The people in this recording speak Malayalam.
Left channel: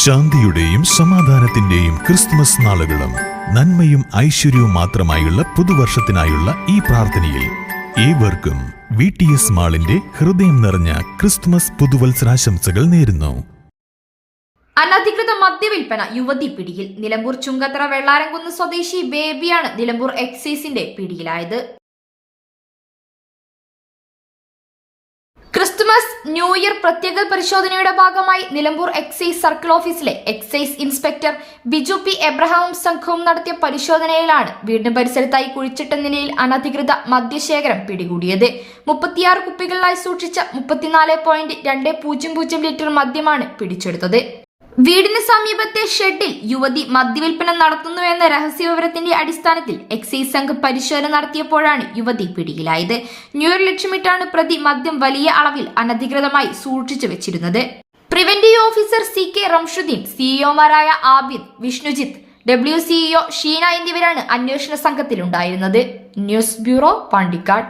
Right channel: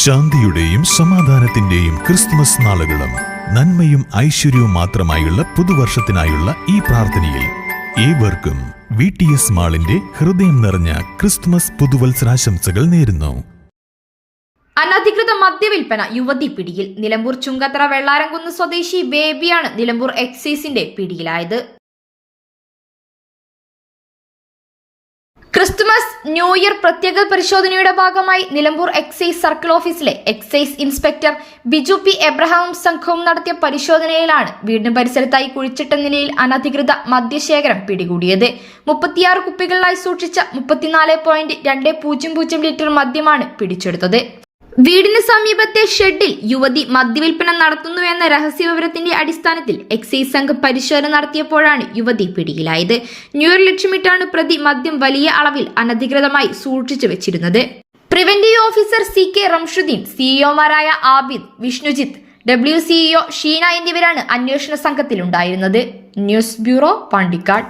ശാന്തിയുടെയും സമാധാനത്തിന്റെയും ക്രിസ്തുമസ് നാളുകളും നന്മയും ഐശ്വര്യവും മാത്രമായുള്ള പുതുവർഷത്തിനായുള്ള ഈ പ്രാർത്ഥനയിൽ ഏവർക്കും വി ടി എസ് മാളിന്റെ ഹൃദയം നിറഞ്ഞ ക്രിസ്മസ് പുതുവത്സരാശംസകൾ നേരുന്നു. അനധികൃത മദ്യവിൽപ്പന യുവതി പിടിയിൽ. നിലമ്പൂർ ചുങ്കത്തറ വെള്ളാരംകുന്ന് സ്വദേശി ബേബിയാണ് നിലമ്പൂർ എക്സൈസിന്റെ പിടിയിലായത്. ക്രിസ്തുമസ് ന്യൂ ഇയർ പ്രത്യേക പരിശോധനയുടെ ഭാഗമായി നിലമ്പൂർ എക്സൈസ് സർക്കിൾ ഓഫീസിലെ എക്സൈസ് ഇൻസ്പെക്ടർ ബിജു പി എബ്രഹാമും സംഘവും നടത്തിയ പരിശോധനയിലാണ് വീടിന് പരിസരത്തായി കുഴിച്ചിട്ട നിലയിൽ അനധികൃത മദ്യശേഖരം പിടികൂടിയത്. മുപ്പത്തിയാറ് കുപ്പികളിലായി സൂക്ഷിച്ച മുപ്പത്തിനാല് പോയിന്റ് രണ്ട് പൂജ്യം പൂജ്യം ലിറ്റർ മദ്യമാണ് പിടിച്ചെടുത്തത്. വീടിന് സമീപത്തെ ഷെഡിൽ യുവതി മദ്യവിൽപ്പന നടത്തുന്നുവെന്ന രഹസ്യവിവരത്തിന്റെ അടിസ്ഥാനത്തിൽ എക്സൈസ് സംഘം പരിശോധന നടത്തിയപ്പോഴാണ് യുവതി പിടിയിലായത്. ന്യൂയർ ലക്ഷ്യമിട്ടാണ് പ്രതി മദ്യം വലിയ അളവിൽ അനധികൃതമായി സൂക്ഷിച്ചു വെച്ചിരുന്നത്. Preventive officer C K Ramshudheen സിഇഒമാരായ Abid Vishnujith W CEO Sheena എന്നിവരാണ് അന്വേഷണ സംഘത്തിലുണ്ടായിരുന്നത്. News bureau Pandikkad.